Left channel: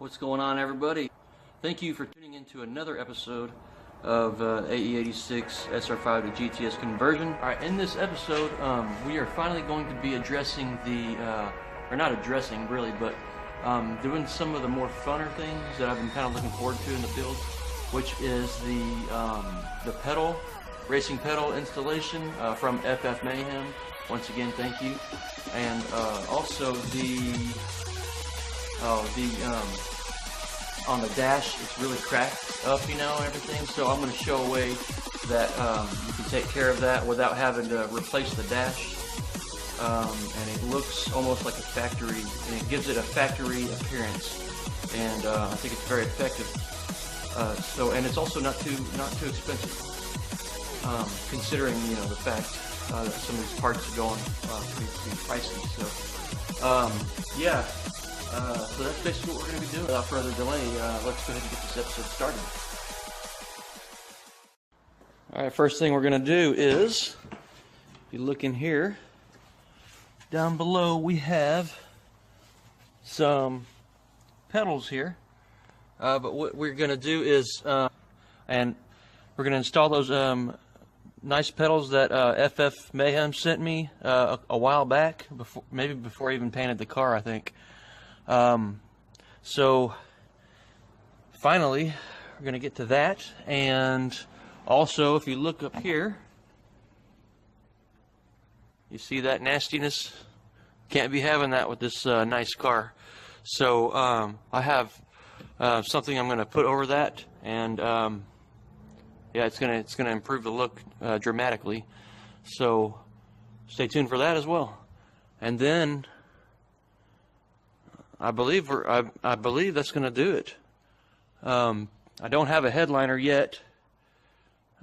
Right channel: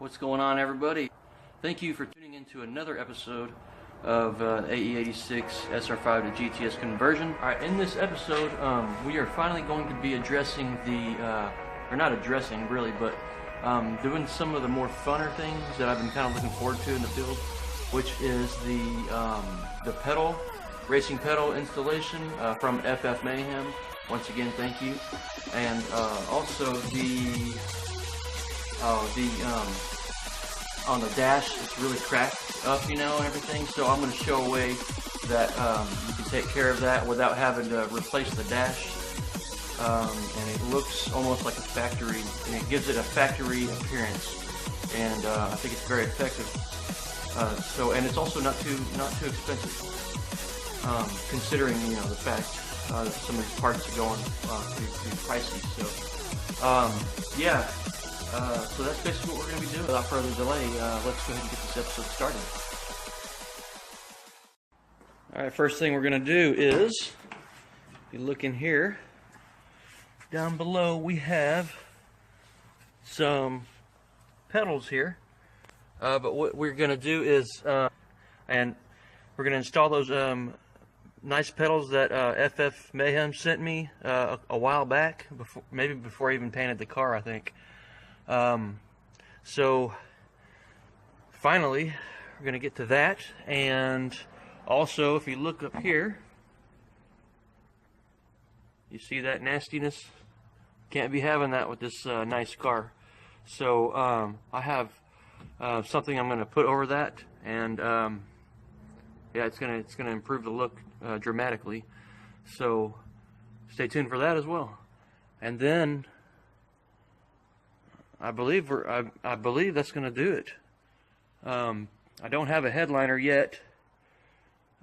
What's going on, everybody? Thank you for tuning in to another episode of AE86 SR5 to GTS conversion. Alright, in this episode, we are finally going to be addressing the, or not addressing really, but doing some of the more funner things that I've been kind of looking forward to in the field, which is the pedal, racing pedal installation from FF Mayhem. Once again, thank you. And also on the dash, it's really cracked up, you know, and everything. So I'm going to show a way that you can take care of that without having to replace the dash. And it looks almost like a factory, and it gives it a factory appearance. And I think it's very effective. And it's also not too expensive, considering, you know, the fact that some of these parts are going pretty pricey. So yeah. So that's basically what we're going to be doing. Without further delay, let's go ahead and get this episode started. Alright, first thing we're going to do is, if you look in here, down below we have some pedals here. But what we're going to do is, and we're going to install those nice pedals that FF Mayhem sent me a while back, maybe before I even painted the car, I think. So finally we're going to get to that. And also, if you look up here, you see that nastiness? Can't be having that with this nice car. So I have something I'm going to put over that, and yeah, it's going to improve the look dramatically. So stay tuned for that as well. And then I believe that's going to do it. I don't have a headliner yet.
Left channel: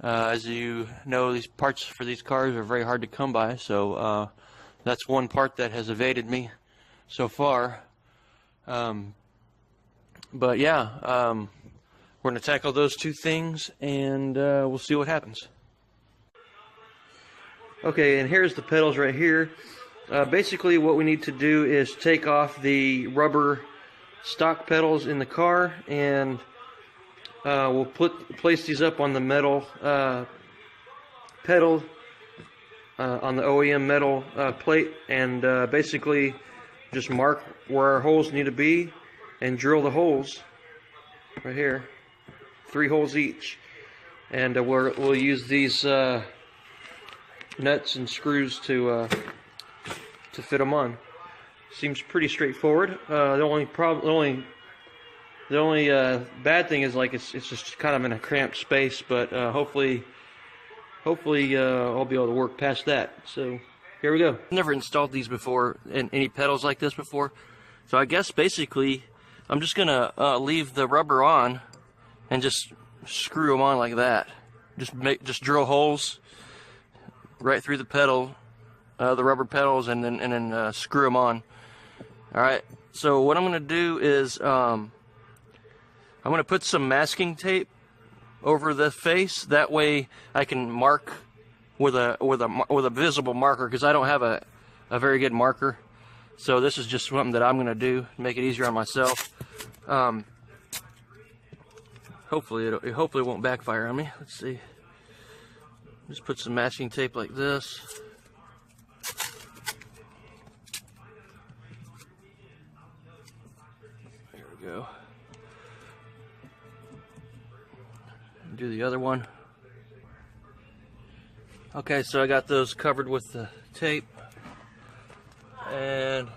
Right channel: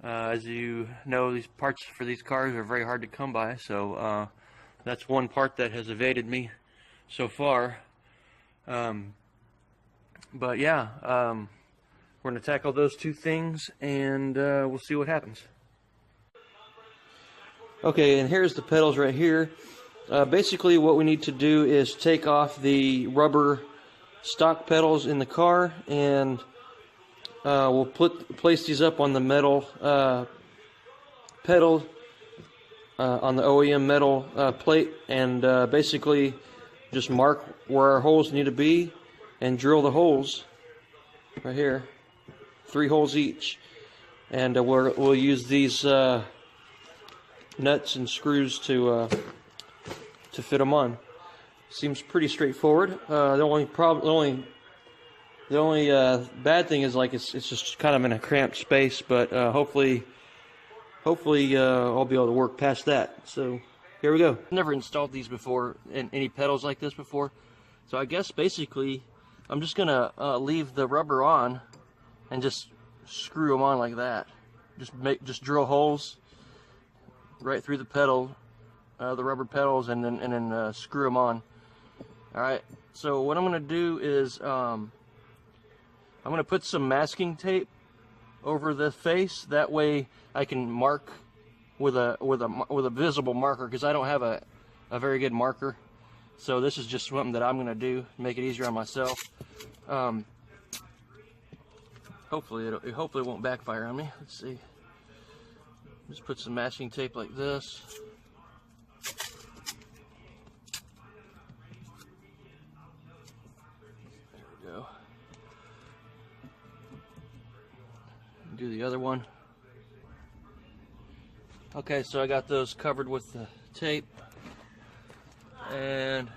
As you know, these parts for these cars are very hard to come by, so that's one part that has evaded me so far. But yeah, we're going to tackle those two things, and we'll see what happens. Okay, and here's the pedals right here. Basically what we need to do is take off the rubber stock pedals in the car, and we'll place these up on the metal pedal, on the OEM metal plate, and basically just mark where our holes need to be and drill the holes right here, 3 holes each, and we'll use these nuts and screws to fit them on. Seems pretty straightforward. The only bad thing is, like, it's just kind of in a cramped space, but hopefully I'll be able to work past that. So here we go. I've never installed these before, and any pedals like this before, so I guess basically I'm just gonna leave the rubber on and just screw them on like that. Just drill holes right through the pedal, the rubber pedals, and then screw them on. All right. So what I'm going to do is I'm going to put some masking tape over the face. That way I can mark with a visible marker, because I don't have a very good marker. So this is just something that I'm going to do to make it easier on myself. Hopefully it won't backfire on me. Let's see. Just put some masking tape like this. There we go. Do the other one. Okay, so I got those covered with the tape, and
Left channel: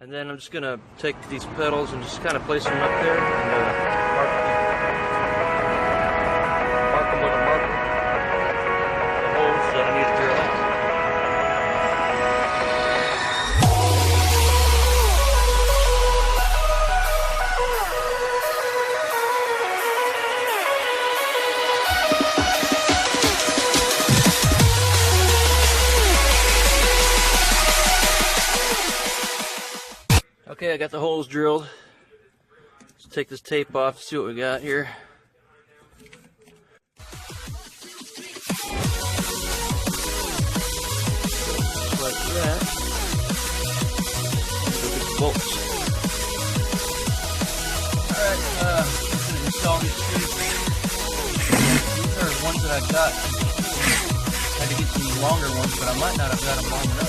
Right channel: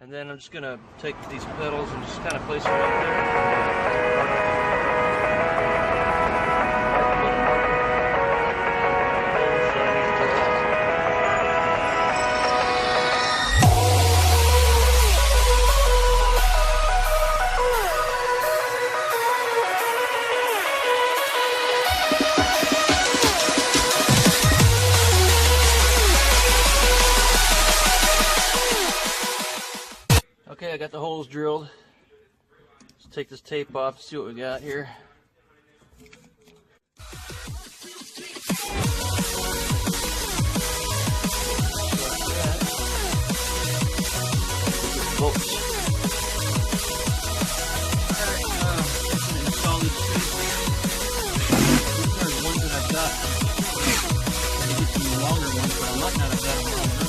then I'm just gonna take these pedals and just kind of place them up there. Okay, I got the holes drilled. Let's take this tape off, see what we got here. Like that. bolts. Alright, install these screws. These are ones that I've got. I'm going to get some longer ones, but I might not have got them long enough.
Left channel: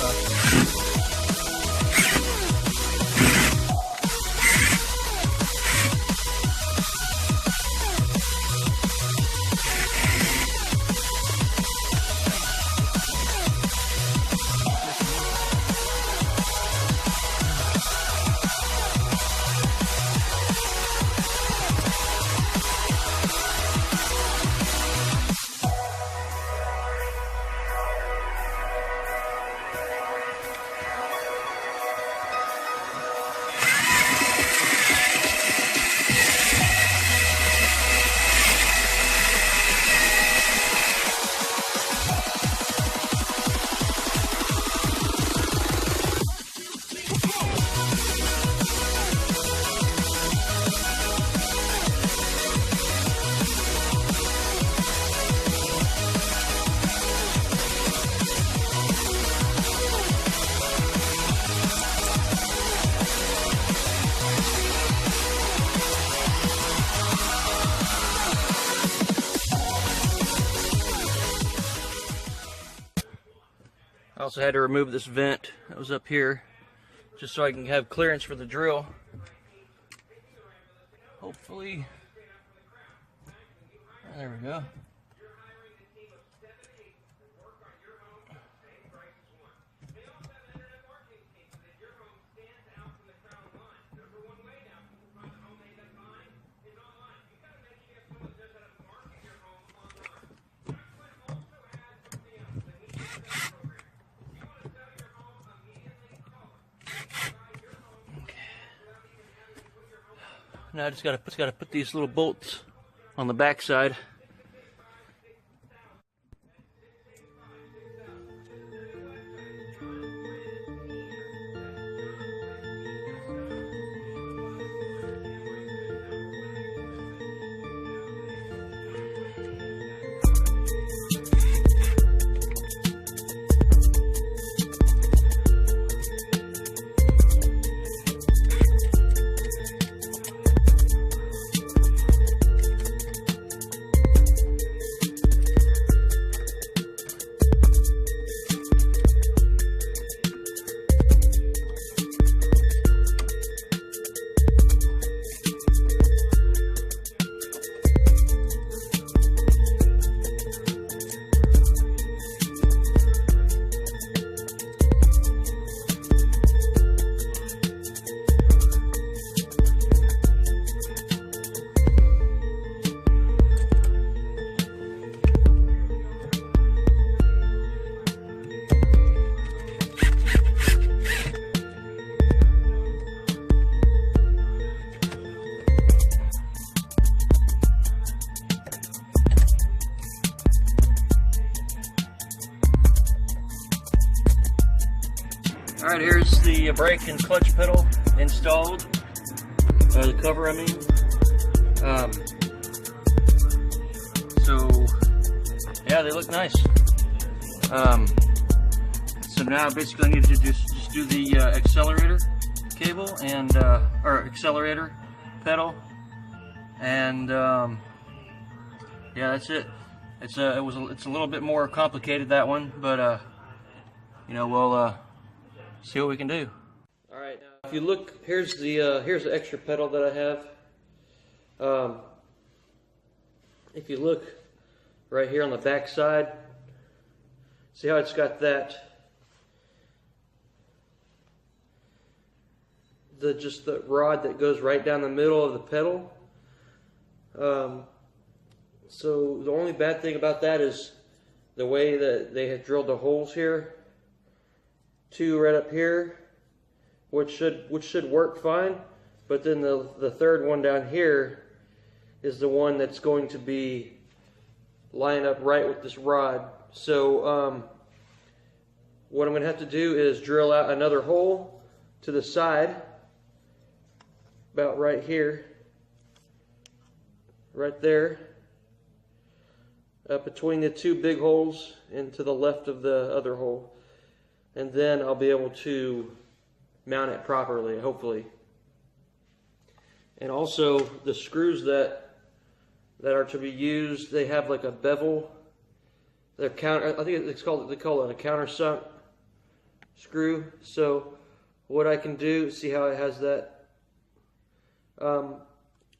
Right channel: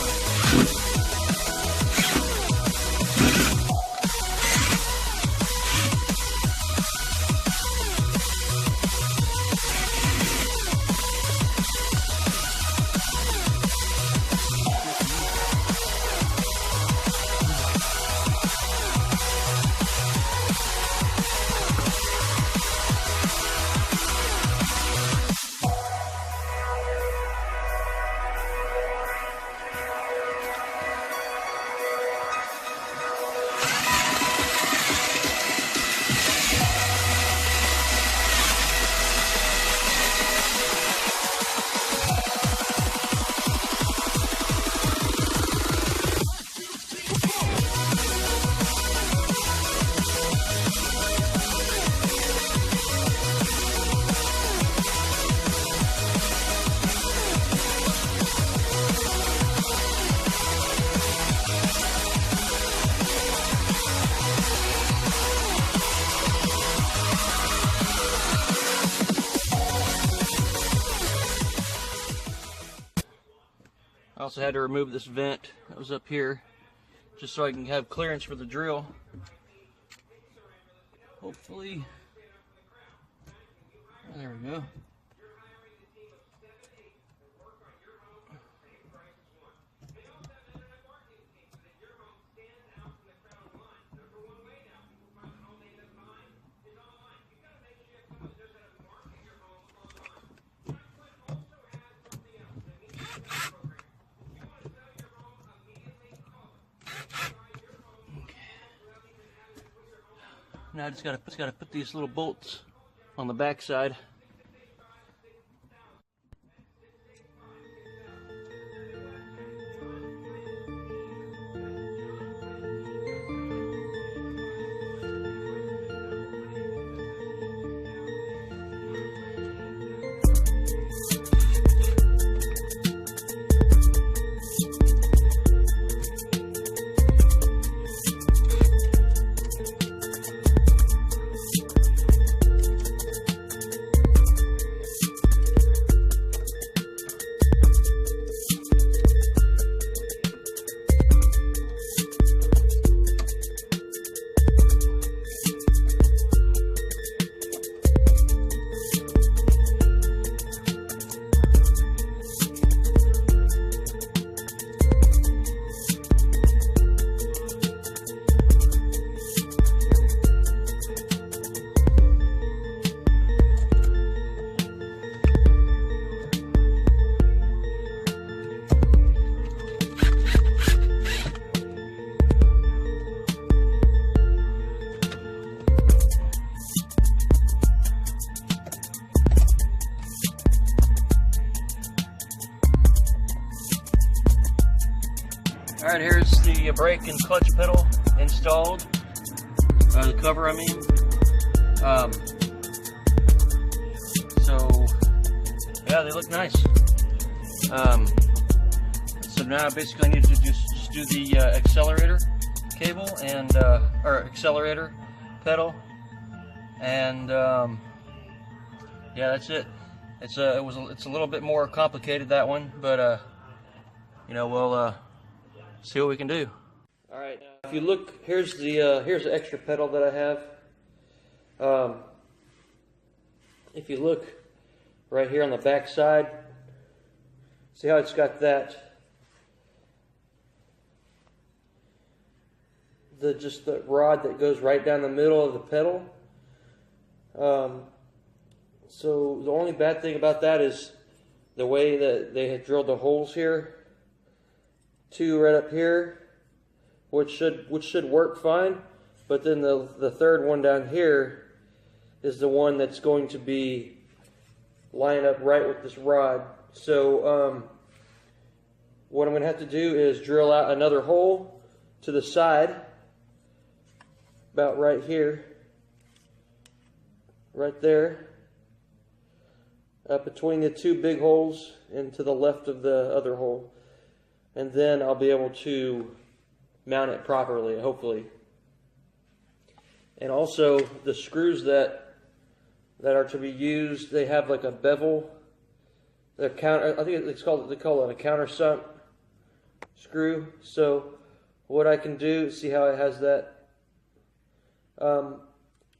I also had to remove this vent that was up here just so I can have clearance for the drill. Hopefully, there we go. Now I just gotta put these little bolts on the back side. Alright, here's the brake and clutch pedal installed. The cover, I mean. So, yeah, they look nice. So now basically I need to just do the accelerator cable and, or accelerator pedal. And, yeah, that's it. It's a little bit more complicated, that one, but, you know, we'll, see what we can do. All right, now if you look, here's the extra pedal that I have. If you look right here on the back side, see how it's got that, just the rod that goes right down the middle of the pedal. So the only bad thing about that is the way that they had drilled the holes here. Two right up here, which should work fine, but then the third one down here is the one that's going to be lined up right with this rod. So what I'm going to have to do is drill out another hole to the side, about right here, right there, between the two big holes and to the left of the other hole. And then I'll be able to mount it properly, hopefully. And also the screws that are to be used, they have like a bevel. They're counter. I think they call it a countersunk screw. So what I can do, see how it has that.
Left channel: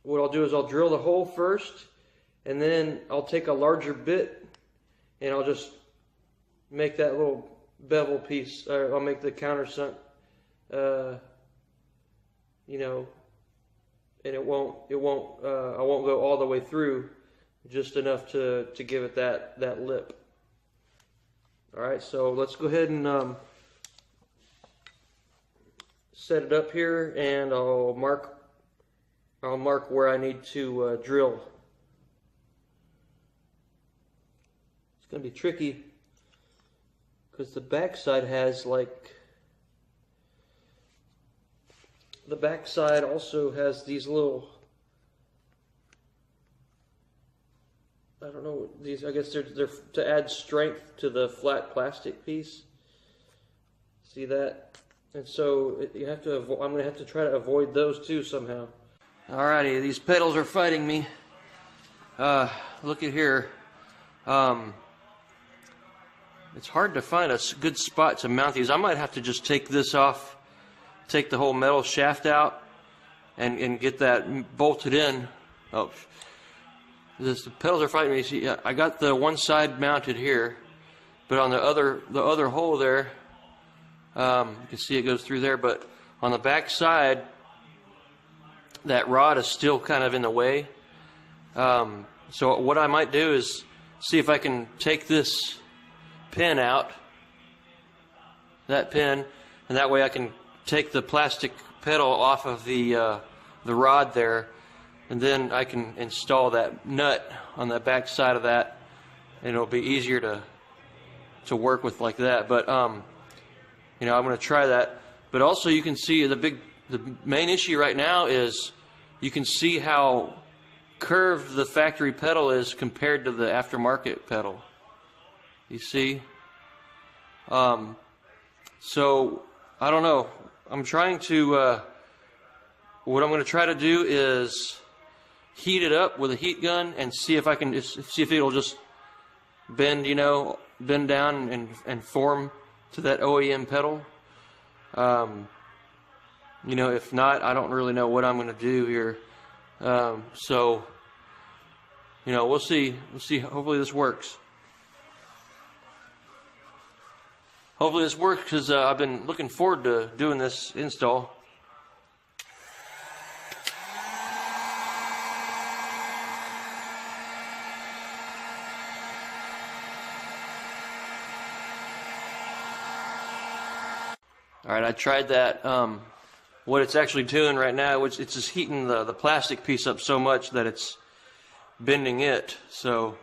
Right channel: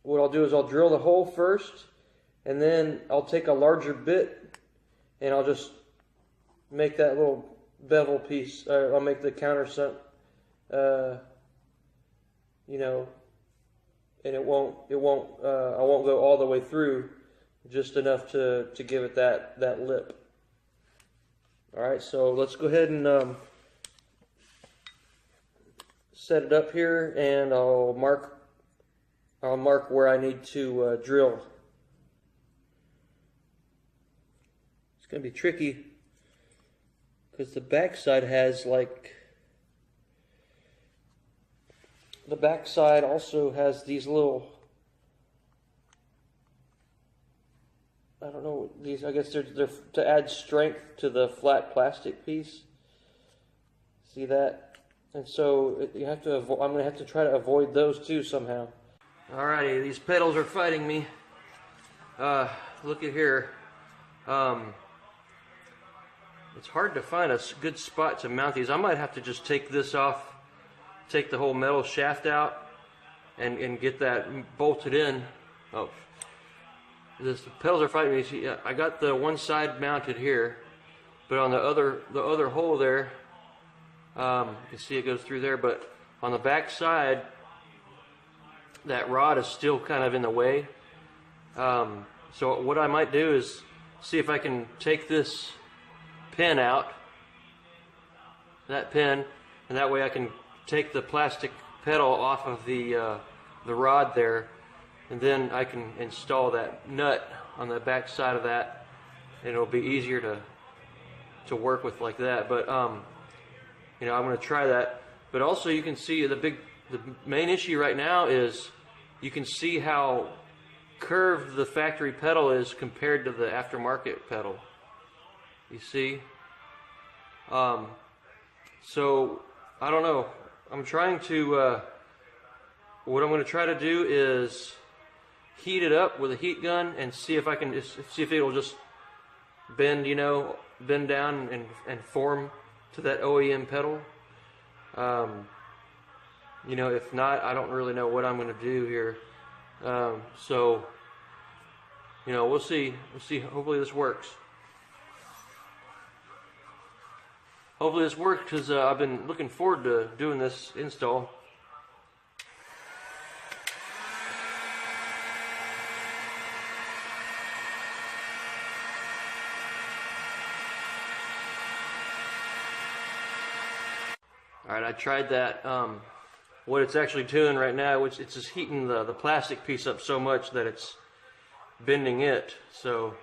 What I'll do is I'll drill the hole first, and then I'll take a larger bit, and I'll just make that little bevel piece. I'll make the countersunk, you know, and I won't go all the way through, just enough to give it that lip. All right, so let's go ahead and set it up here, and I'll mark where I need to drill. It's going to be tricky because the backside has the backside also has these little, I don't know, these, I guess they're to add strength to the flat plastic piece. See that? And so you have to I'm going to have to try to avoid those too somehow. Alrighty, these pedals are fighting me. Look at here. It's hard to find a good spot to mount these. I might have to just take this off, take the whole metal shaft out, and get that bolted in. Oh, the pedals are fighting me. See, I got the one side mounted here, but on the other hole there, you can see it goes through there. But on the back side, that rod is still kind of in the way. So what I might do is see if I can take this pin out, that pin, and that way I can take the plastic pedal off of the rod there, and then I can install that nut on the back side of that, and it'll be easier to work with like that. But you know, I'm going to try that. But also you can see the main issue right now is you can see how curved the factory pedal is compared to the aftermarket pedal. You see? So I don't know. I'm trying to, what I'm going to try to do is heat it up with a heat gun and see if I can see if it'll just bend, you know, bend down and form to that OEM pedal. You know, if not, I don't really know what I'm going to do here. So, you know, we'll see. Hopefully this works. Hopefully this works because I've been looking forward to doing this install. All right, I tried that. What it's actually doing right now, it's just heating the plastic piece up so much that it's bending it. So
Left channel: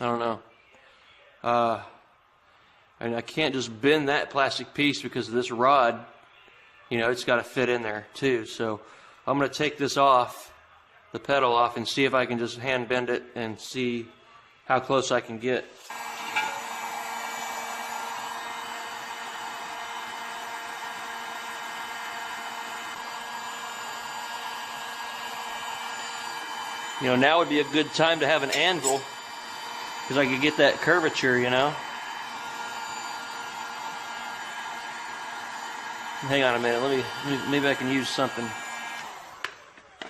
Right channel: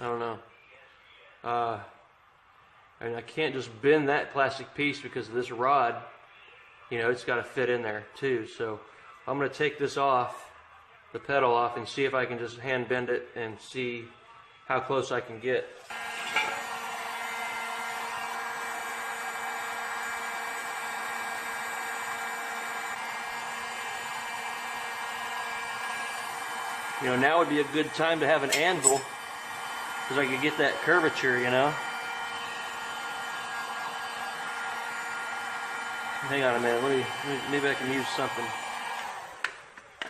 I don't know. And I can't just bend that plastic piece because of this rod. You know, it's got to fit in there too. So I'm going to take this off, the pedal off, and see if I can just hand bend it and see how close I can get. You know, now would be a good time to have an anvil because I could get that curvature, you know. Hang on a minute, maybe I can use something.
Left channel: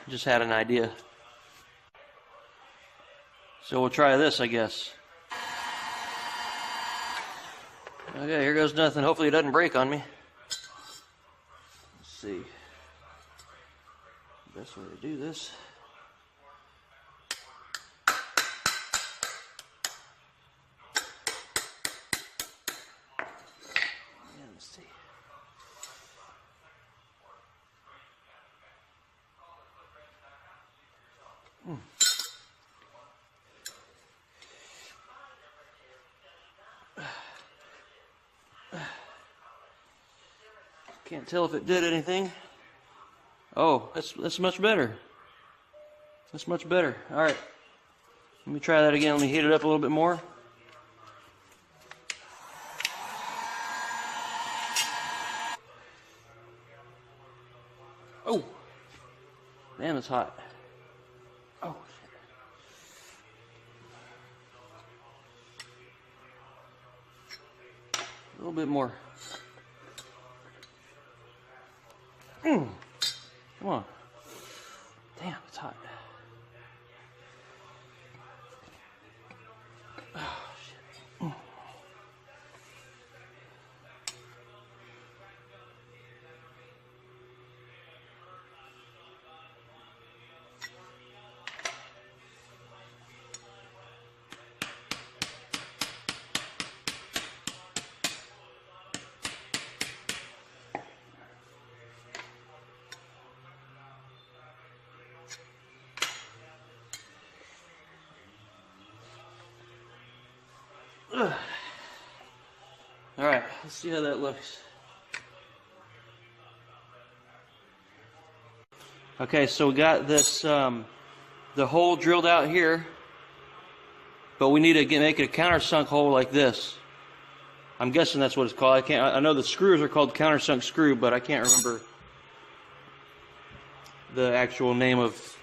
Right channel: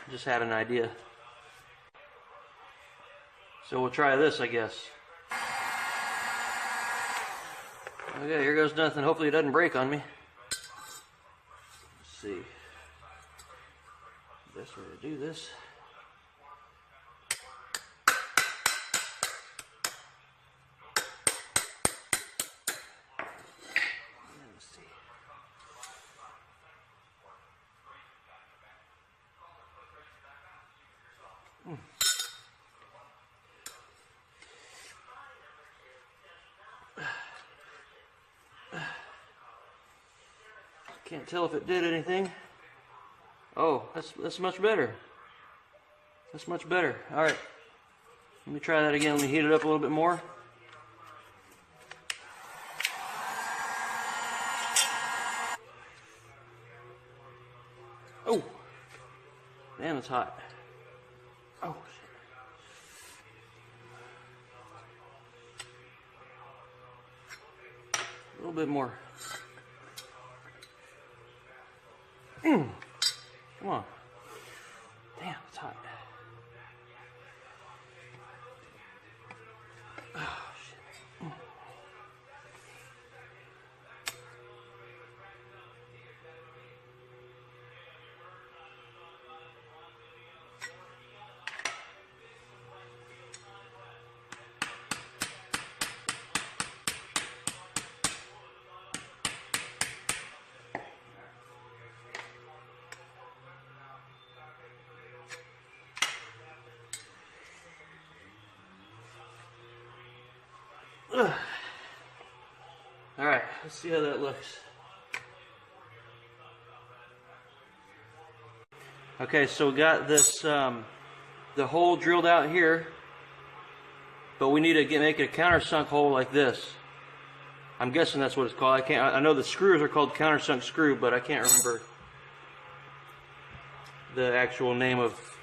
Just had an idea. So we'll try this, I guess. Okay, here goes nothing. Hopefully it doesn't break on me. Let's see. Best way to do this. Can't tell if it did anything. Oh, that's much better. That's much better. All right, let me try that again. Let me heat it up a little bit more. Oh, damn, it's hot. Oh, shit. A little bit more. Come on. Damn, it's hot. Oh, shit. All right, let's see how that looks. Okay, so we got this the hole drilled out here, but we need to make it a countersunk hole like this. I'm guessing that's what it's called. I know the screws are called countersunk screw, but I can't remember the actual name of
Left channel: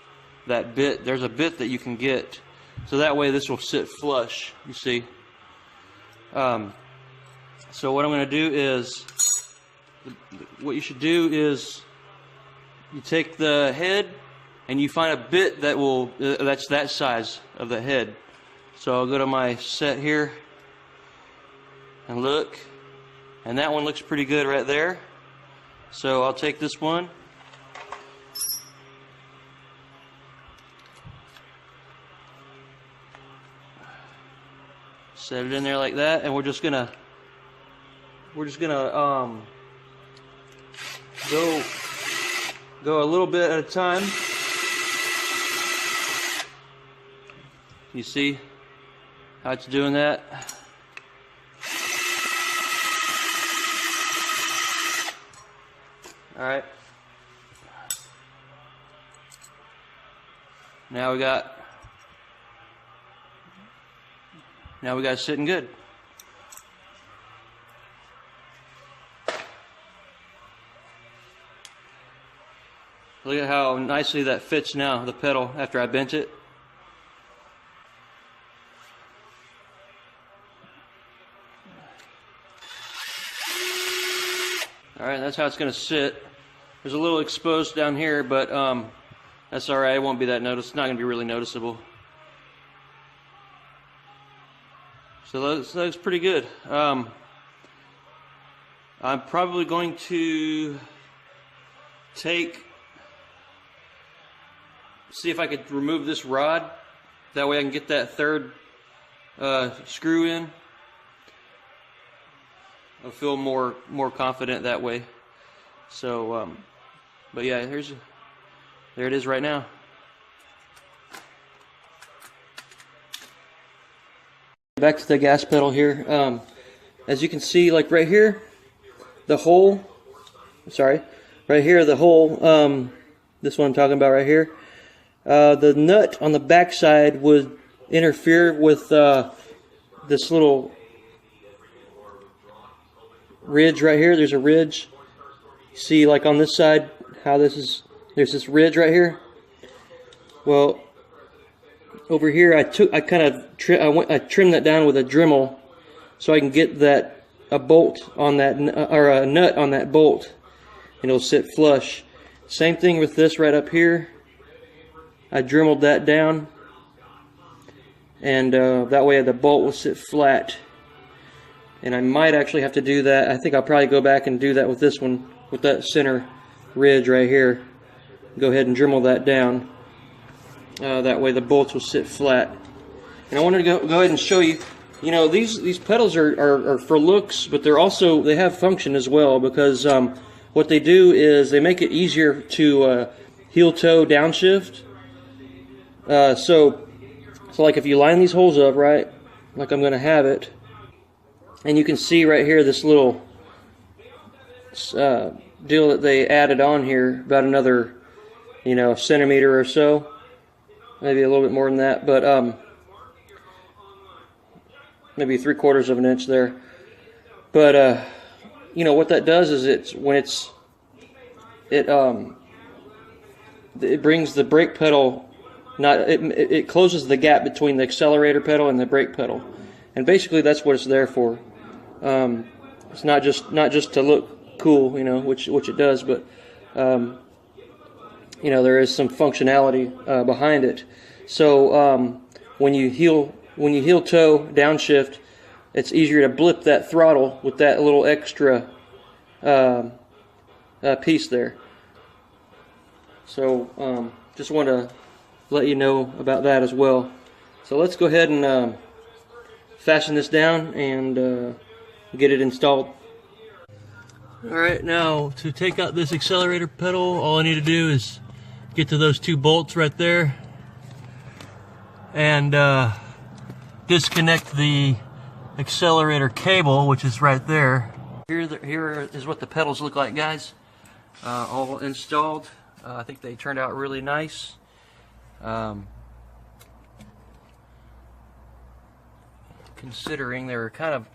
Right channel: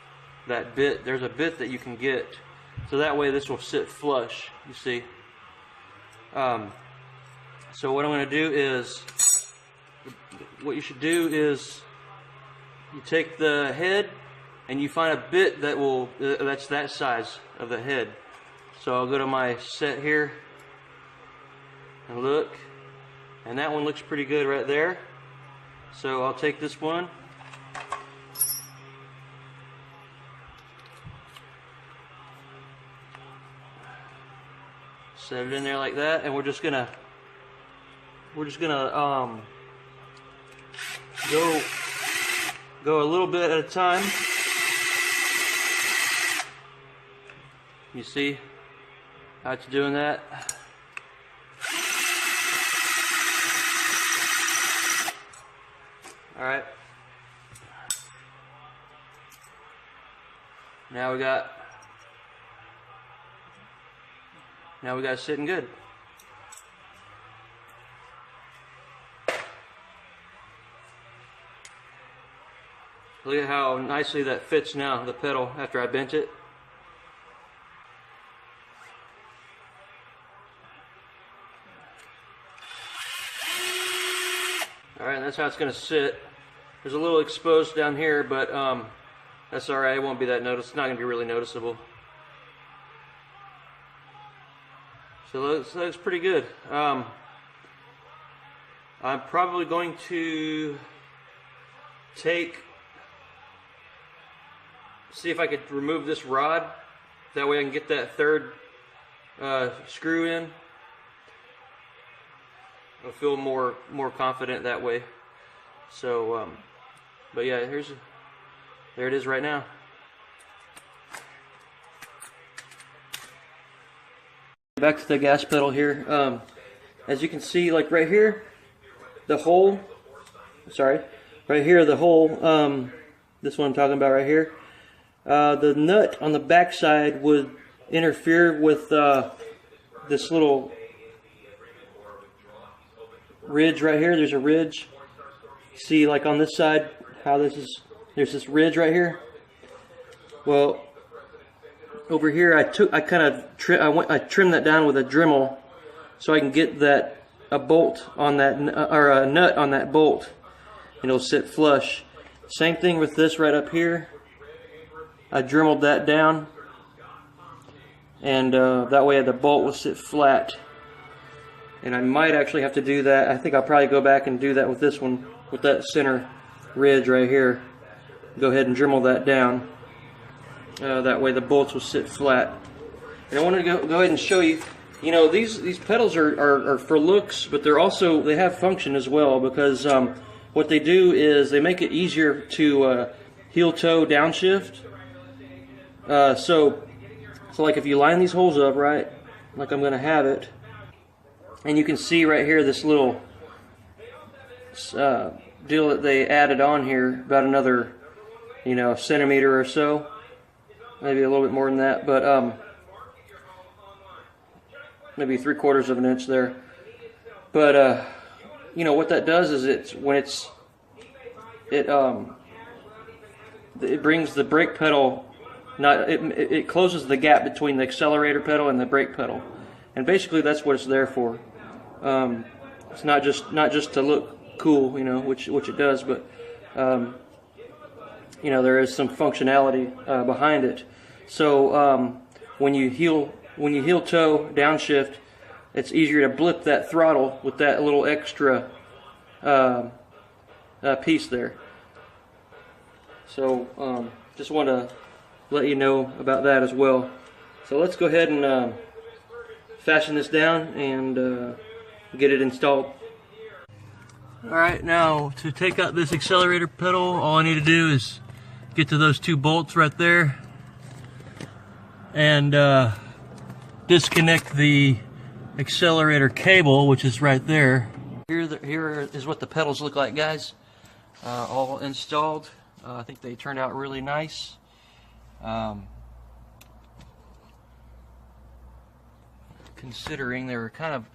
that bit. There's a bit that you can get, so that way this will sit flush, you see. So what I'm going to do is, what you should do is, you take the head and you find a bit that will, that's that size of the head. So I'll go to my set here and look, and that one looks pretty good right there. So I'll take this one, set it in there like that, and we're just gonna go a little bit at a time. You see how it's doing that? All right. Now we got it sitting good. Look at how nicely that fits now, the pedal, after I bent it. Alright, that's how it's going to sit. There's a little exposed down here, but that's alright, it won't be that noticeable. It's not going to be really noticeable. So that looks pretty good. I'm probably going to see if I could remove this rod. That way I can get that third screw in. I'll feel more confident that way. So, but yeah, there it is right now. Back to the gas pedal here. As you can see, like right here, the hole. Right here, the hole. This one I'm talking about right here. The nut on the back side would interfere with this little ridge right here. There's a ridge. See, like on this side, how there's this ridge right here. Well, over here, I trimmed that down with a Dremel, so I can get a bolt on that, or a nut on that bolt, and it'll sit flush. Same thing with this right up here. I Dremeled that down, and that way the bolt will sit flat. And I might actually have to do that. I think I'll probably go back and do that with this one, with that center ridge right here. Go ahead and Dremel that down. That way the bolts will sit flat. And I wanted to go ahead and show you. You know, these pedals are for looks, but they have function as well, because what they do is they make it easier to heel toe downshift. So like if you line these holes up right, like I'm going to have it, and you can see right here this little deal that they added on here, about another, centimeter or so, maybe a little bit more than that, but maybe 3/4 of an inch there. But what that does is it it brings the brake pedal, it closes the gap between the accelerator pedal and the brake pedal, and basically that's what it's there for. It's not just to look cool, you know, which it does, but you know, there is some functionality behind it. So when you heel toe downshift, it's easier to blip that throttle with that little extra piece there. So just want to let you know about that as well. So let's go ahead and fasten this down and get it installed. Alright, now to take out this accelerator pedal, all I need to do is get to those two bolts right there and disconnect the accelerator cable, which is right there. Here is what the pedals look like, guys. All installed. I think they turned out really nice. Considering they were kind of,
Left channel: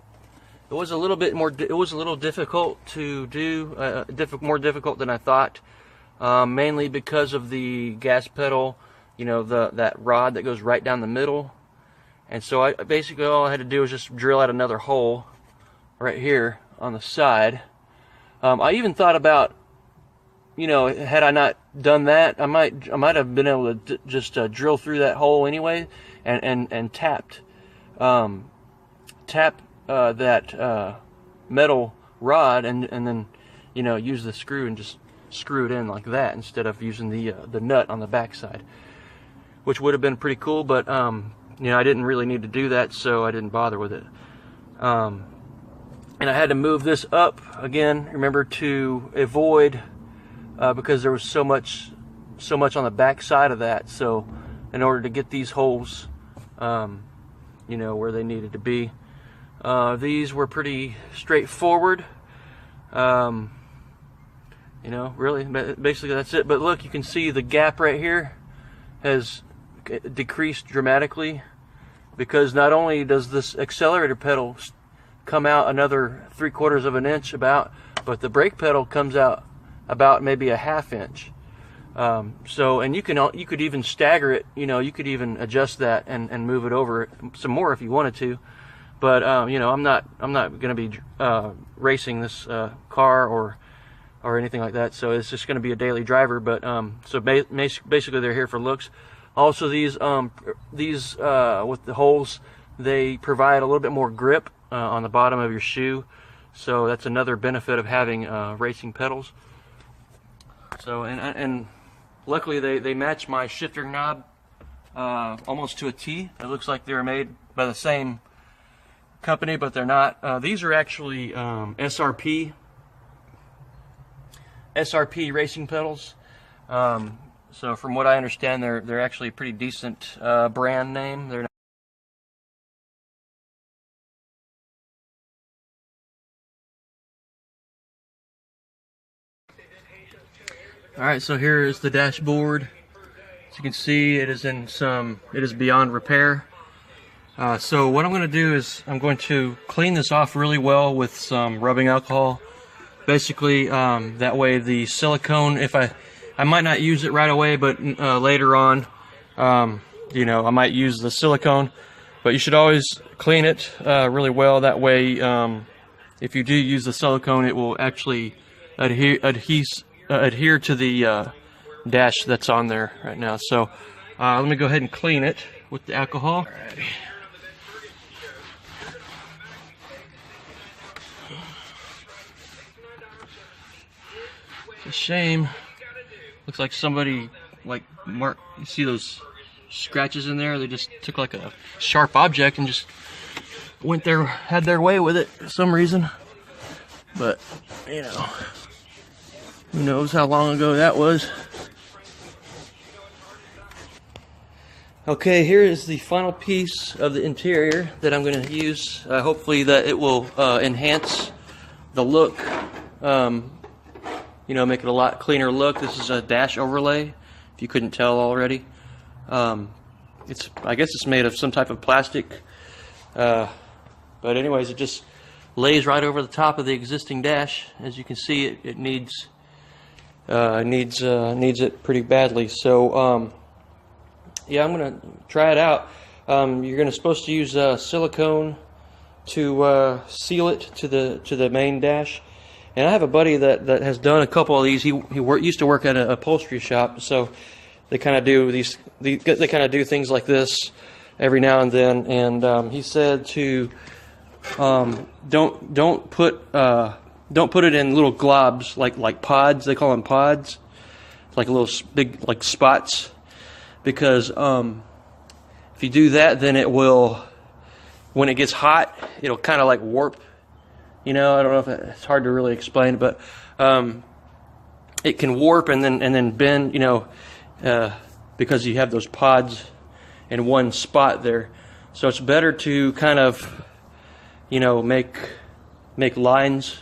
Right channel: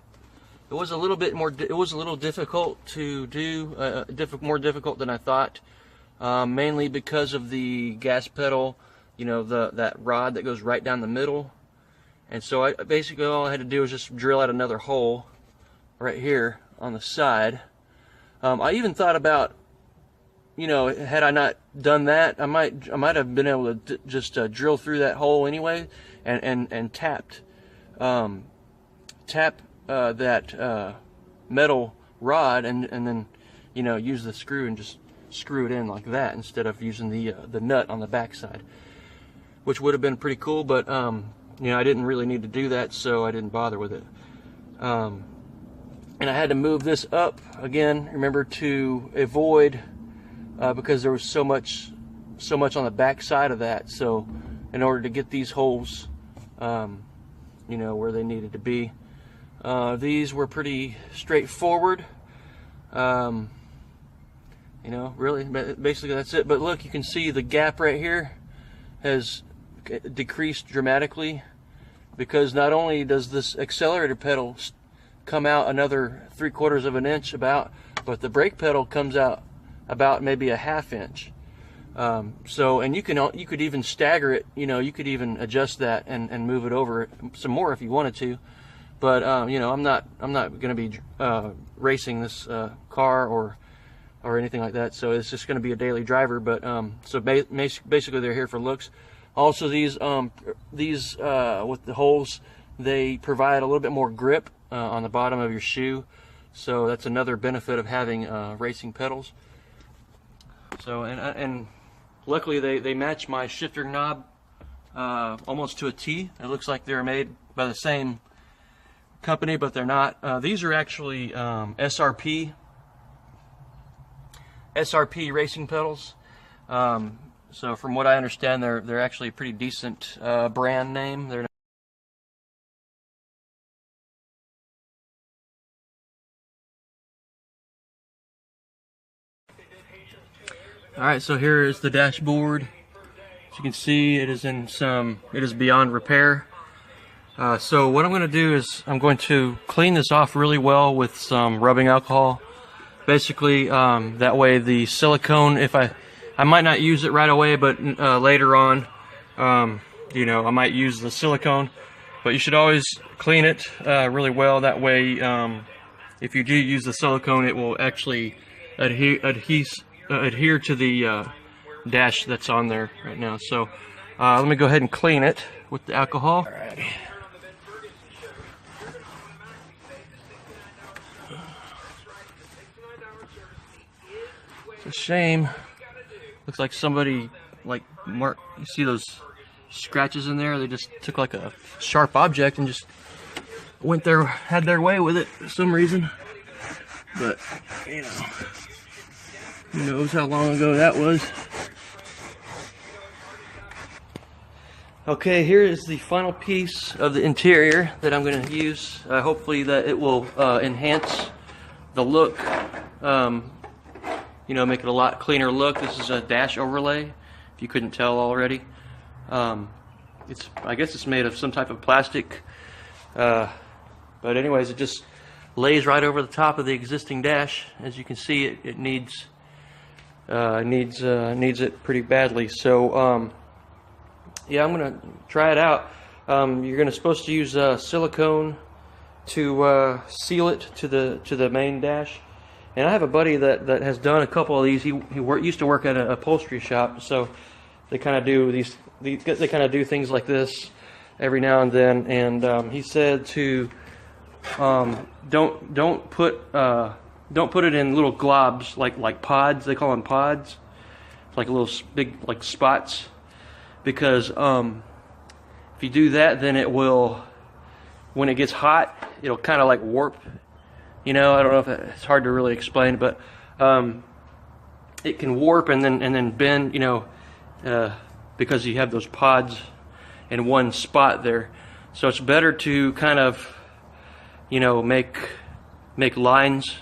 it was a little difficult to do, more difficult than I thought, mainly because of the gas pedal, you know, that rod that goes right down the middle. And so basically all I had to do was just drill out another hole right here on the side. I even thought about, you know, had I not done that, I might have been able to just drill through that hole anyway and tap that metal rod and then, you know, use the screw and just screw it in like that instead of using the nut on the back side, which would have been pretty cool, but you know, I didn't really need to do that, so I didn't bother with it. And I had to move this up again, remember, to avoid because there was so much on the back side of that. So in order to get these holes you know, where they needed to be, these were pretty straightforward. You know, really, basically that's it. But look, you can see the gap right here has decreased dramatically, because not only does this accelerator pedal come out another 3/4 of an inch about, but the brake pedal comes out about maybe a 1/2 inch. So, and you could even stagger it, you know, you could even adjust that and move it over some more if you wanted to. But you know, I'm not going to be racing this car or anything like that, so it's just going to be a daily driver. But so basically they're here for looks. Also, these with the holes, they provide a little bit more grip on the bottom of your shoe, so that's another benefit of having racing pedals. So and luckily they match my shifter knob almost to a T. It looks like they're made by the same company, but they're not. These are actually SRP racing pedals. So from what I understand, they're actually a pretty decent brand name. They're not. All right, so here is the dashboard. As you can see, it is beyond repair. So what I'm going to do is I'm going to clean this off really well with some rubbing alcohol. Basically, that way the silicone, if I might not use it right away, but later on, you know, I might use the silicone. But you should always clean it really well. That way, if you do use the silicone, it will actually adhere to the dash that's on there right now. So let me go ahead and clean it with the alcohol. Alrighty. It's a shame. Looks like somebody you see those scratches in there? They just took like a sharp object and just had their way with it for some reason. But you know, who knows how long ago that was. Okay, here is the final piece of the interior that I'm going to use. Hopefully that it will enhance the look, you know, make it a lot cleaner look. This is a dash overlay, if you couldn't tell already. I guess it's made of some type of plastic, but anyways, it just lays right over the top of the existing dash. As you can see, it needs needs it pretty badly. So yeah, I'm gonna try it out. You're supposed to use silicone to seal it to the main dash. And I have a buddy that has done a couple of these. He used to work at an upholstery shop, so they kind of do they kind of do things like this every now and then. And he said to don't put it in little globs like pods. They call them pods, like little big like spots, because if you do that, then it will, when it gets hot, it'll kind of like warp. You know, I don't know if it's hard to really explain, but it can warp and then bend. You know, because you have those pods in one spot there. So it's better to kind of, you know, make lines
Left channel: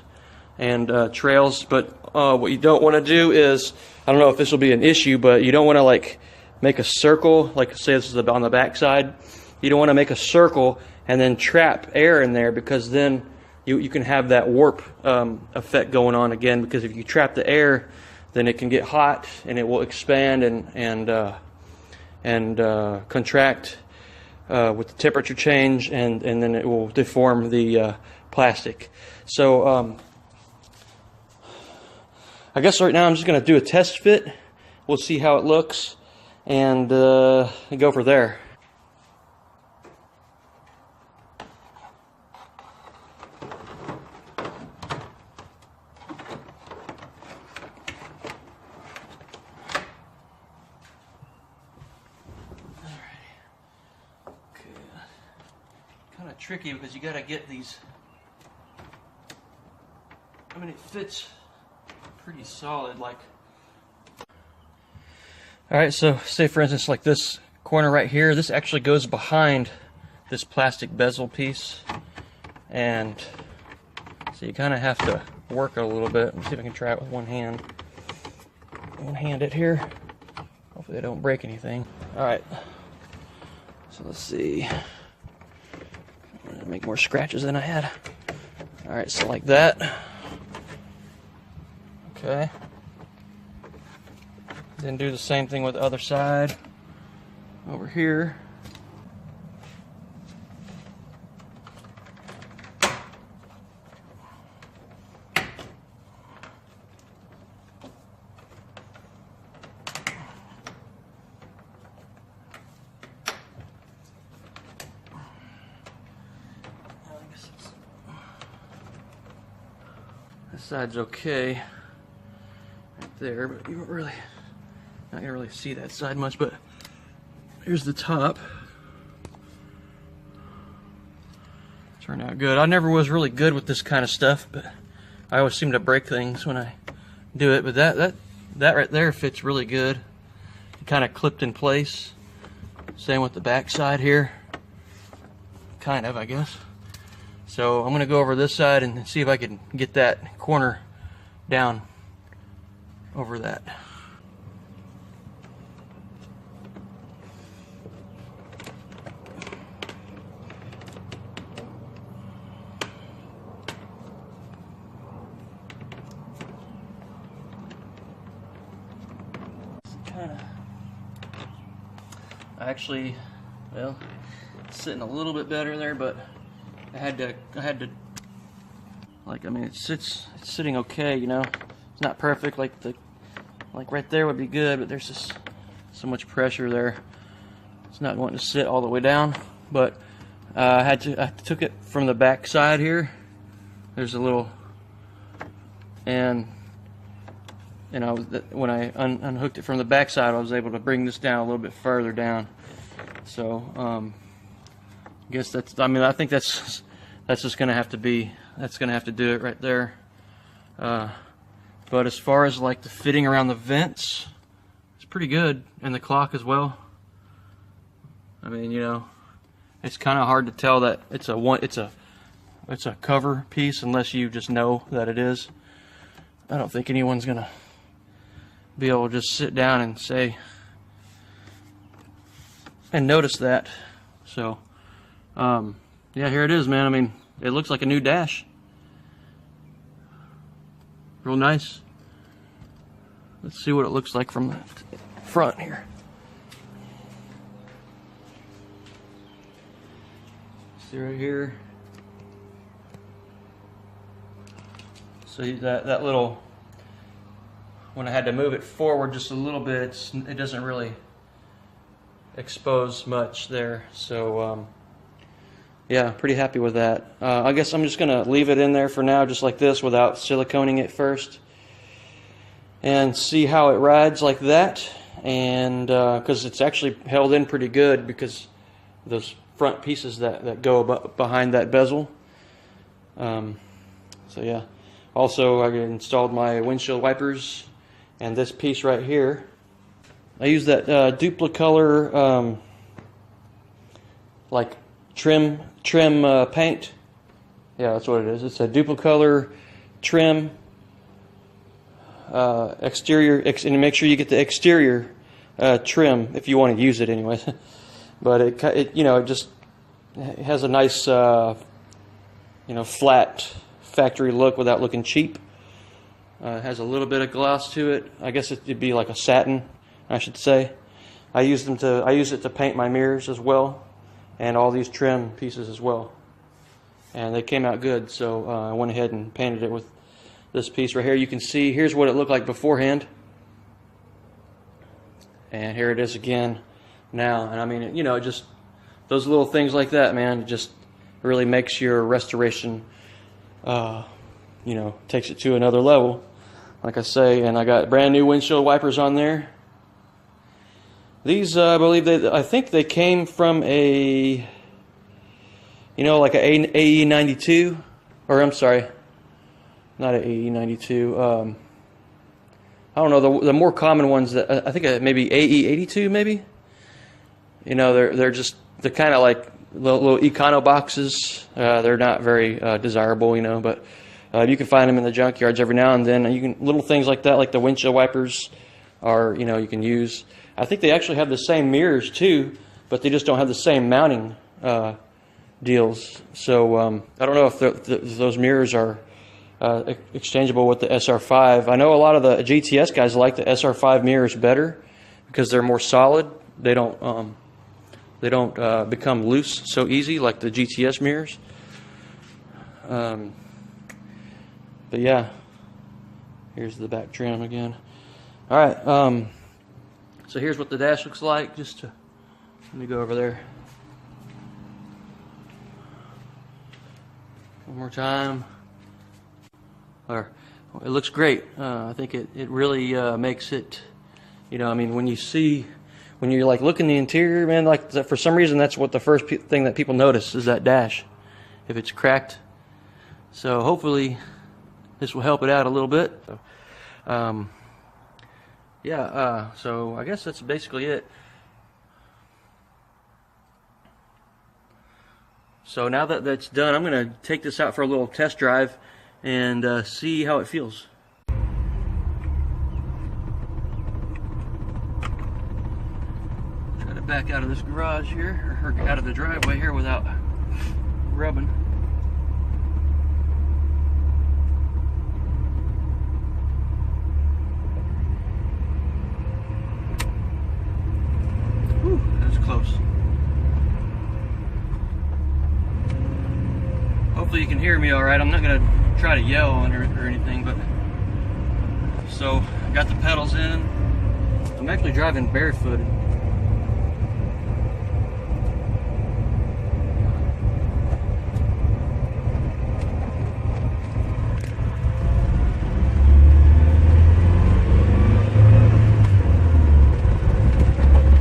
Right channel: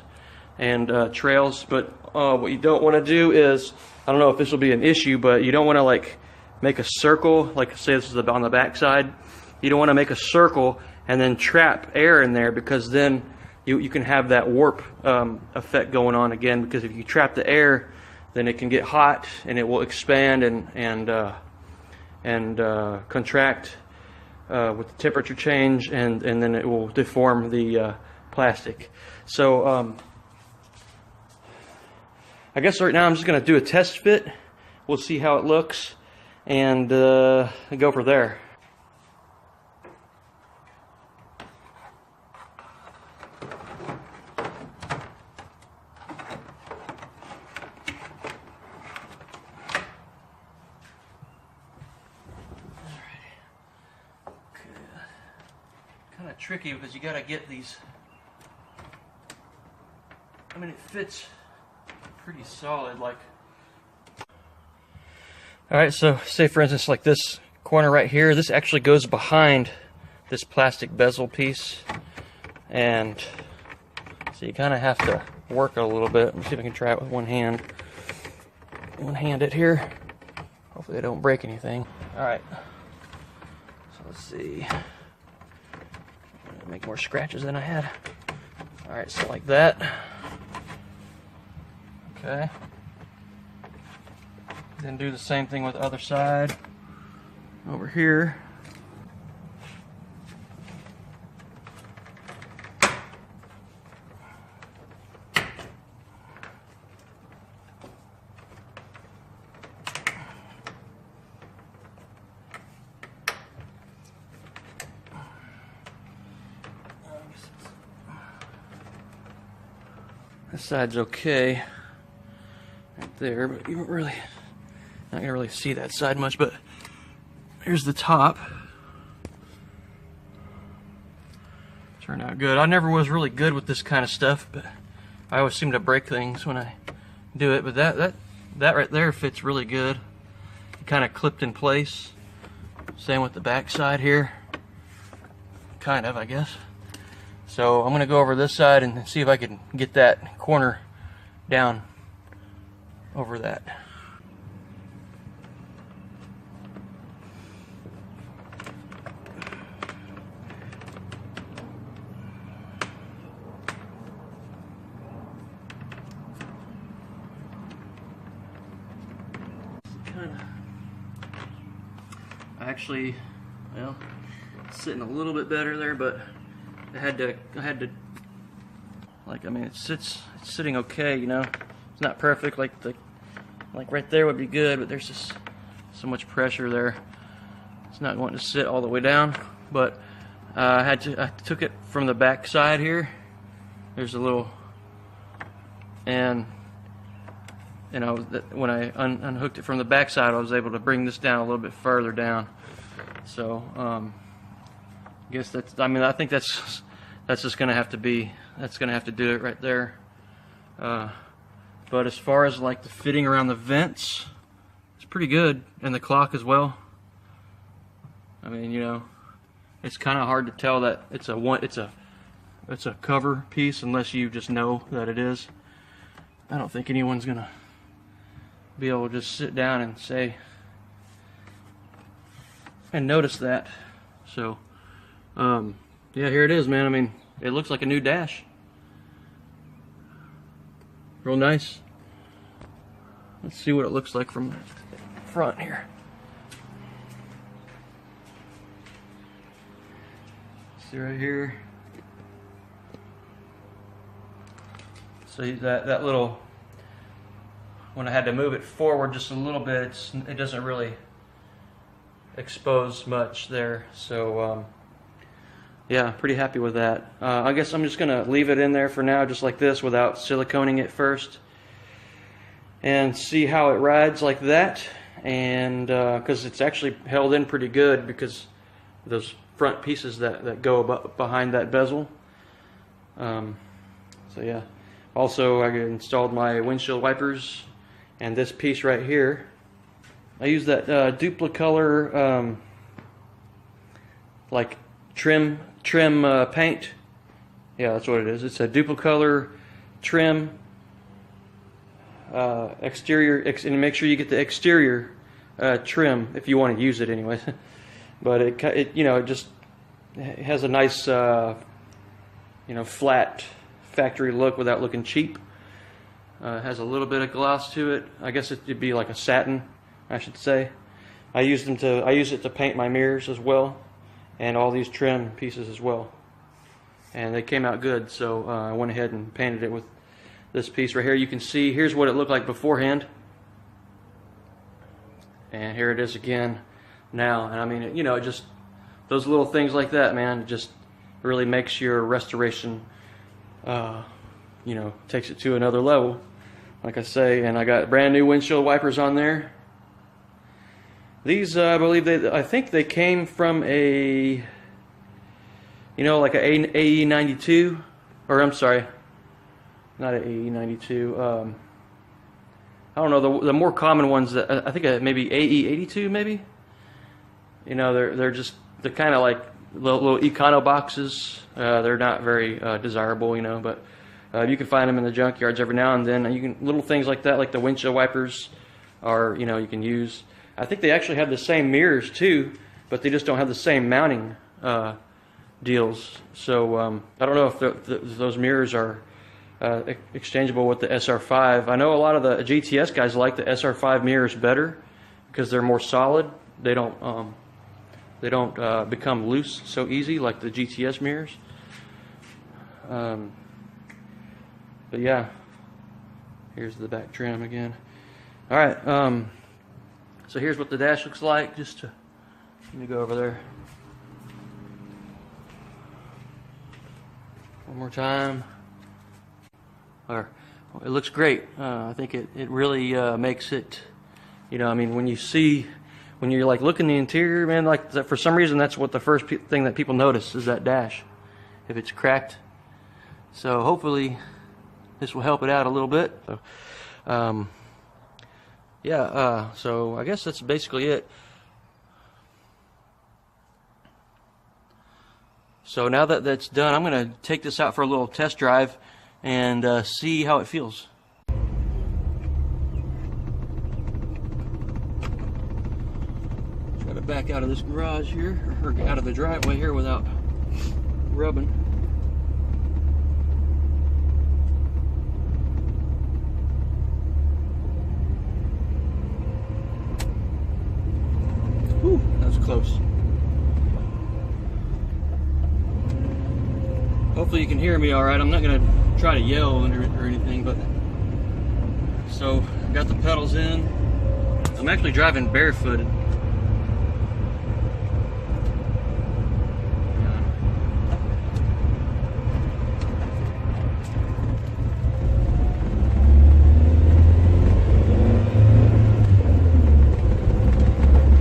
and trails. But what you don't want to do is, I don't know if this will be an issue, but you don't want to like make a circle, like say this is on the back side. You don't want to make a circle and then trap air in there, because then you can have that warp effect going on again. Because if you trap the air, then it can get hot and it will expand and contract with the temperature change, and then it will deform the plastic. So I guess right now I'm just going to do a test fit. We'll see how it looks and go from there. Kind of tricky because you got to get these. I mean, it fits pretty solid, like. All right, so say for instance, like this corner right here, this actually goes behind this plastic bezel piece, and so you kind of have to work it a little bit. Let me see if I can try it with one hand. One-hand it here. Hopefully I don't break anything. All right, so let's see. Make more scratches than I had. All right, so like that. Okay. Then do the same thing with the other side. Over here. This side's okay right there, but you don't really, not gonna really see that side much. But here's the top. Turned out good. I never was really good with this kind of stuff, but I always seem to break things when I do it. But that right there fits really good. It kind of clipped in place. Same with the back side here. Kind of, I guess. So I'm gonna go over this side and see if I can get that corner down over that. Actually, well, it's sitting a little bit better there, but I had to, like, I mean, it's sitting okay, you know. It's not perfect, like right there would be good, but there's just so much pressure there. It's not going to sit all the way down, but I took it from the back side here. There's a little, and you know, when I unhooked it from the back side, I was able to bring this down a little bit further down. So I guess that's, I mean, I think that's just gonna have to be, that's gonna have to do it right there. But as far as like the fitting around the vents, it's pretty good, and the clock as well. I mean, you know, it's kind of hard to tell that it's a cover piece unless you just know that it is. I don't think anyone's gonna be able to just sit down and say and notice that. So yeah, here it is, man. I mean, it looks like a new dash. Real nice. Let's see what it looks like from the front here. See right here. So that little, when I had to move it forward just a little bit, it doesn't really expose much there. So yeah, pretty happy with that. I guess I'm just gonna leave it in there for now, just like this, without siliconing it first, and see how it rides like that. And because it's actually held in pretty good because those front pieces that go behind that bezel. So yeah. Also, I installed my windshield wipers and this piece right here. I use that Duplicolor like trim paint. Yeah, that's what it is. It's a Duplicolor trim exterior, and make sure you get the exterior trim if you want to use it anyway. But it you know, it just has a nice you know, flat factory look without looking cheap. It has a little bit of gloss to it. I guess it'd be like a satin, I should say. I use it to paint my mirrors as well, and all these trim pieces as well. And they came out good, so I went ahead and painted it with this piece right here. You can see, here's what it looked like beforehand, and here it is again now. And I mean, you know, just those little things like that, man, it just really makes your restoration, you know, takes it to another level, like I say. And I got brand new windshield wipers on there. These, I think they came from a, you know, like a AE92, or I'm sorry, not an AE92. I don't know, the more common ones that I think maybe AE82 maybe. You know, they're kind of like little econo boxes. They're not very desirable, you know, but you can find them in the junkyards every now and then. And you can, little things like that, like the windshield wipers, are, you know, you can use. I think they actually have the same mirrors too, but they just don't have the same mounting deals. So I don't know if those mirrors are exchangeable with the SR5. I know a lot of the GTS guys like the SR5 mirrors better because they're more solid. They don't become loose so easy like the GTS mirrors. But yeah, here's the back trim again. All right, so here's what the dash looks like. Let me go over there one more time. It looks great. I think it really makes it, you know, I mean, when you're like looking the interior, man, like for some reason that's what the first thing that people notice is that dash, if it's cracked. So hopefully this will help it out a little bit. Yeah, so I guess that's basically it. So now that that's done, I'm going to take this out for a little test drive and see how it feels. Try to back out of this garage here, or out of the driveway here without rubbing. Whew, that was close. Hopefully you can hear me all right. I'm not going to try to yell or anything, but so got the pedals in. I'm actually driving barefooted.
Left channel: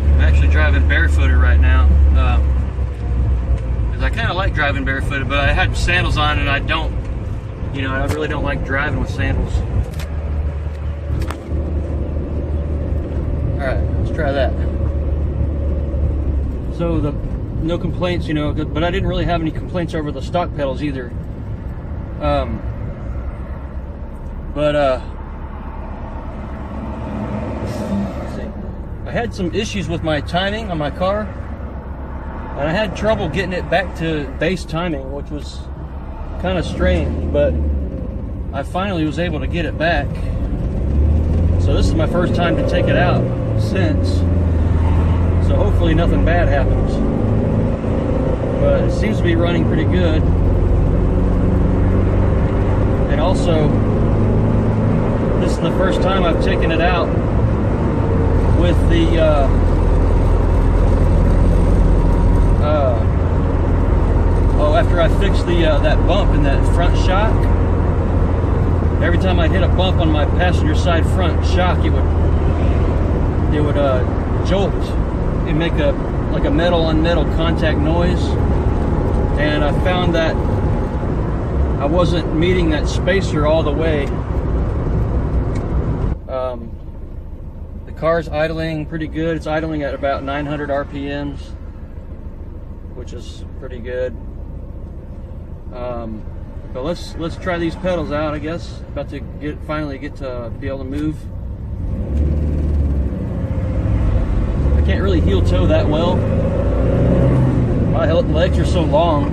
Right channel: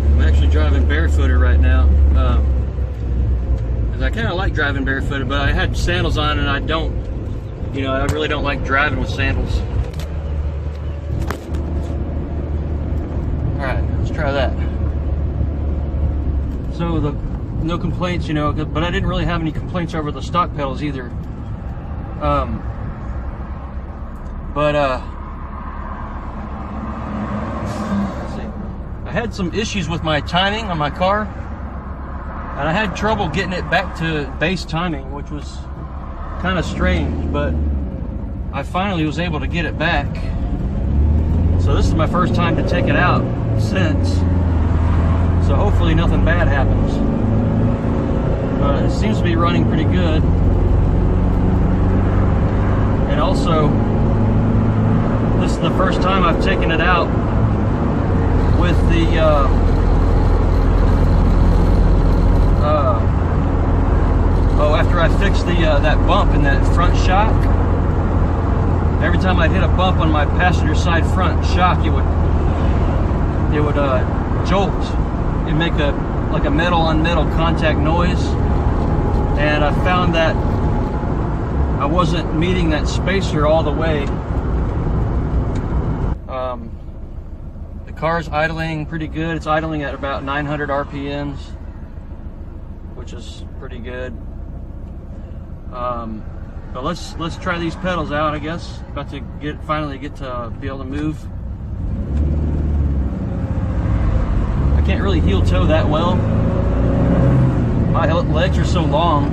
I'm actually driving barefooted right now. I kind of like driving barefooted, but I had sandals on and I don't, you know, I really don't like driving with sandals. Alright, let's try that. So no complaints, you know, but I didn't really have any complaints over the stock pedals either. Let's see. I had some issues with my timing on my car, and I had trouble getting it back to base timing, which was kind of strange, but I finally was able to get it back. So this is my first time to take it out since. So hopefully nothing bad happens. But it seems to be running pretty good. And also, this is the first time I've taken it out with the after I fixed the that bump in that front shock. Every time I hit a bump on my passenger side front shock, it would jolt and make like a metal on metal contact noise. And I found that I wasn't meeting that spacer all the way. The car's idling pretty good. It's idling at about 900 RPMs, which is pretty good. But let's try these pedals out, I guess. About to finally get to be able to move. I can't really heel toe that well. My legs are so long.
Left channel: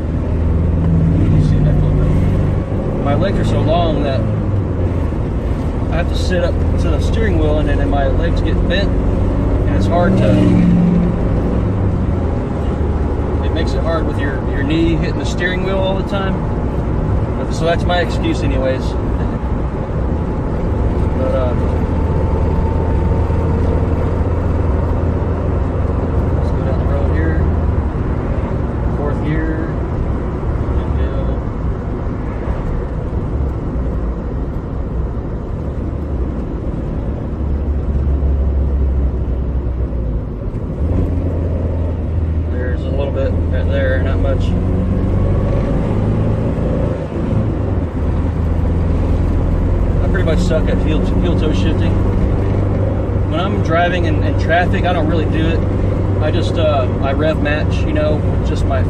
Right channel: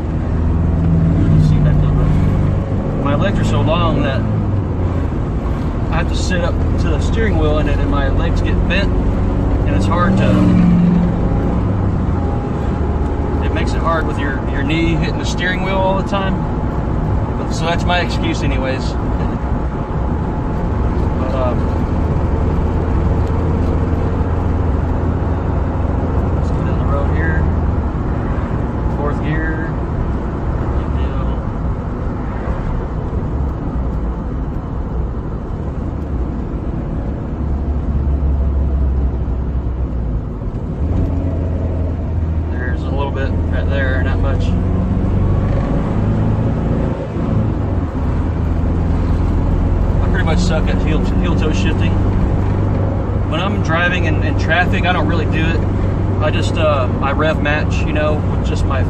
You see that a little bit. My legs are so long that I have to sit up to the steering wheel, and then my legs get bent, and it's hard to. It makes it hard with your knee hitting the steering wheel all the time. So that's my excuse anyways. But let's go down the road here. 4th gear. Big deal. There's a little bit right there, not much. Suck at heel toe shifting. When I'm driving in traffic, I don't really do it. I just I rev match, you know, with just my.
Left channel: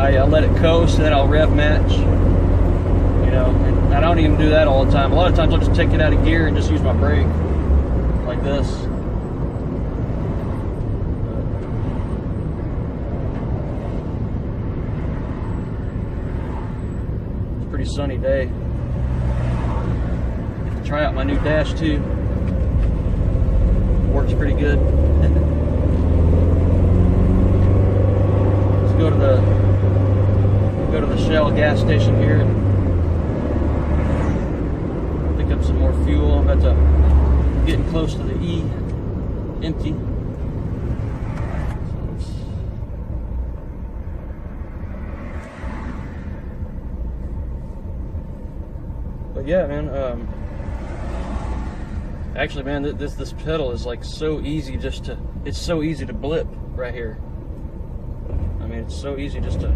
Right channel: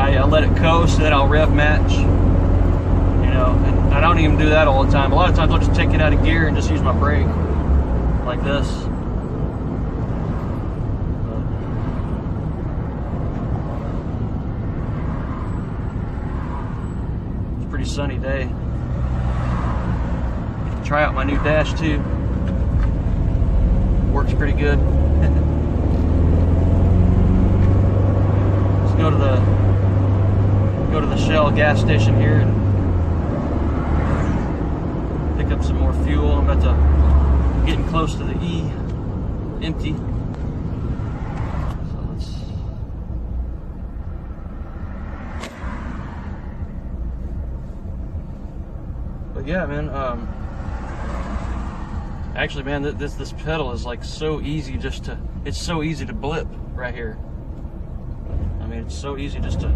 I let it coast, then I'll rev match. You know, and I don't even do that all the time. A lot of times I'll just take it out of gear and just use my brake like this. It's a pretty sunny day. Try out my new dash too. Works pretty good. Let's go to the Shell gas station here and pick up some more fuel. I'm about to getting close to the E empty. But yeah, man. Actually, man, this pedal is like so easy it's so easy to blip right here. I mean, it's so easy just to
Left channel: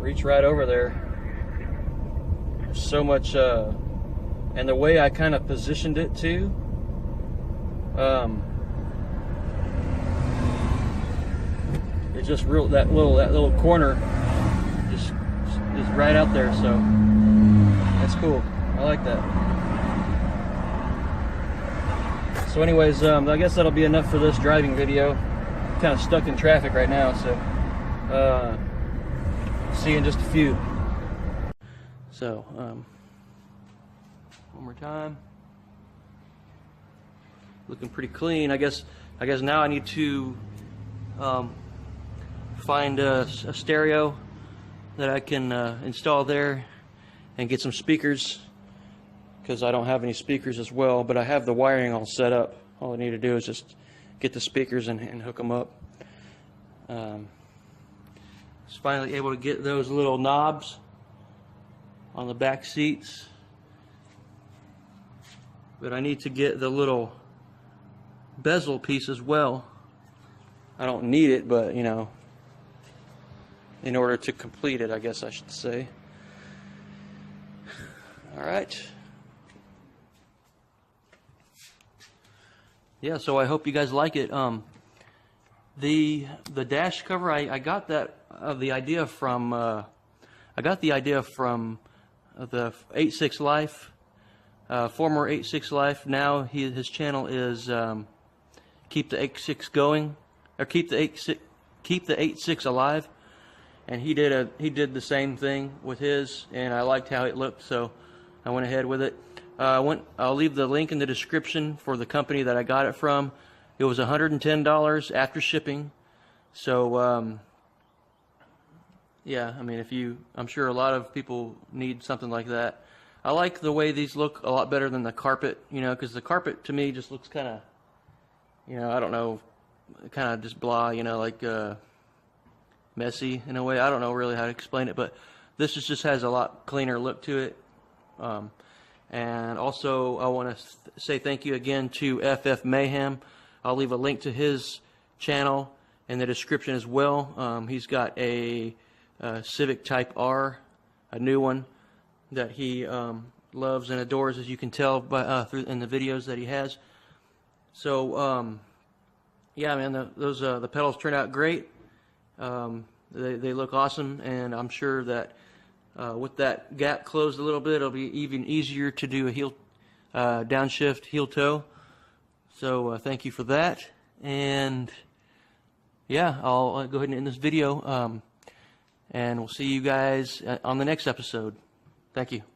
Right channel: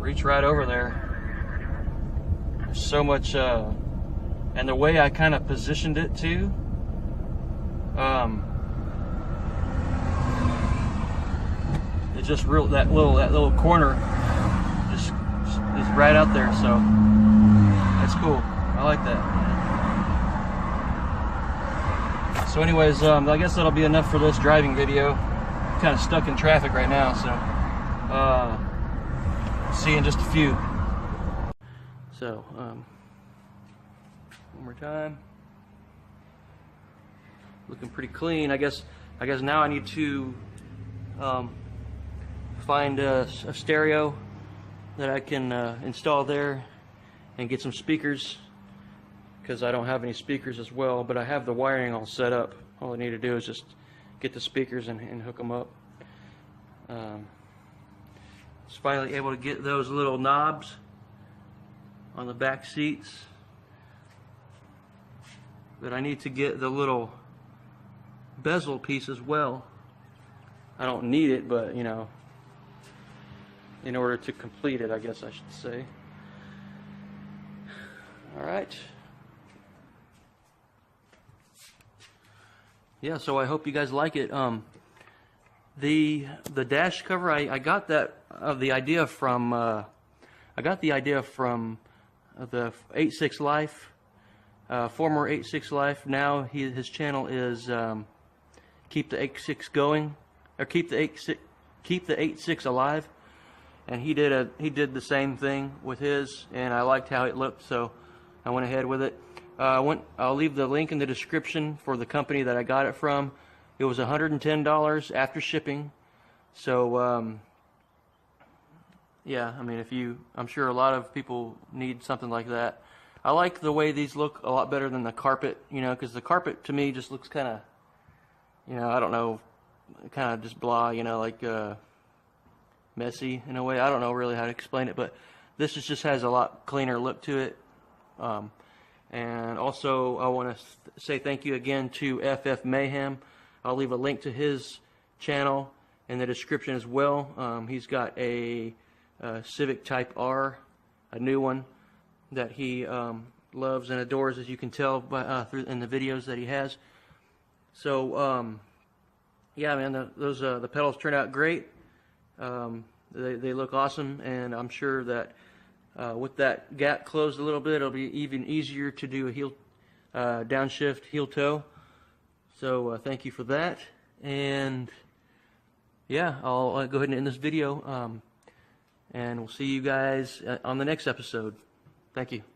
reach right over there. There's so much, and the way I kind of positioned it too, it just real, that little corner just is right out there, so that's cool. I like that. So anyways, I guess that'll be enough for this driving video. I'm kind of stuck in traffic right now, so see you in just a few. So one more time. Looking pretty clean. I guess now I need to find a stereo that I can install there and get some speakers, because I don't have any speakers as well, but I have the wiring all set up. All I need to do is just get the speakers and hook them up. Was finally able to get those little knobs on the back seats, but I need to get the little bezel piece as well. I don't need it, but you know, in order to complete it, I guess I should say. All right. Yeah, so I hope you guys like it. The dash cover, I got that the idea from the 86 Life, former 86 Life. Now his channel is Keep the 86 Going, or Keep the 86 Alive, and he did the same thing with his, and I liked how it looked, so I went ahead with it. I'll leave the link in the description for the company that I got it from. It was $110 after shipping. So yeah, I mean, I'm sure a lot of people need something like that. I like the way these look a lot better than the carpet, you know, because the carpet to me just looks kind of, you know, I don't know, kind of just blah, you know, like messy in a way. I don't know really how to explain it, but this just has a lot cleaner look to it. And also, I want to say thank you again to FF Mayhem. I'll leave a link to his channel in the description as well. He's got a Civic Type R, a new one that he loves and adores, as you can tell by in the videos that he has. So yeah, man, the pedals turned out great. They look awesome, and I'm sure that with that gap closed a little bit, it'll be even easier to do a heel downshift heel toe. So thank you for that, and yeah, I'll go ahead and end this video, and we'll see you guys on the next episode. Thank you.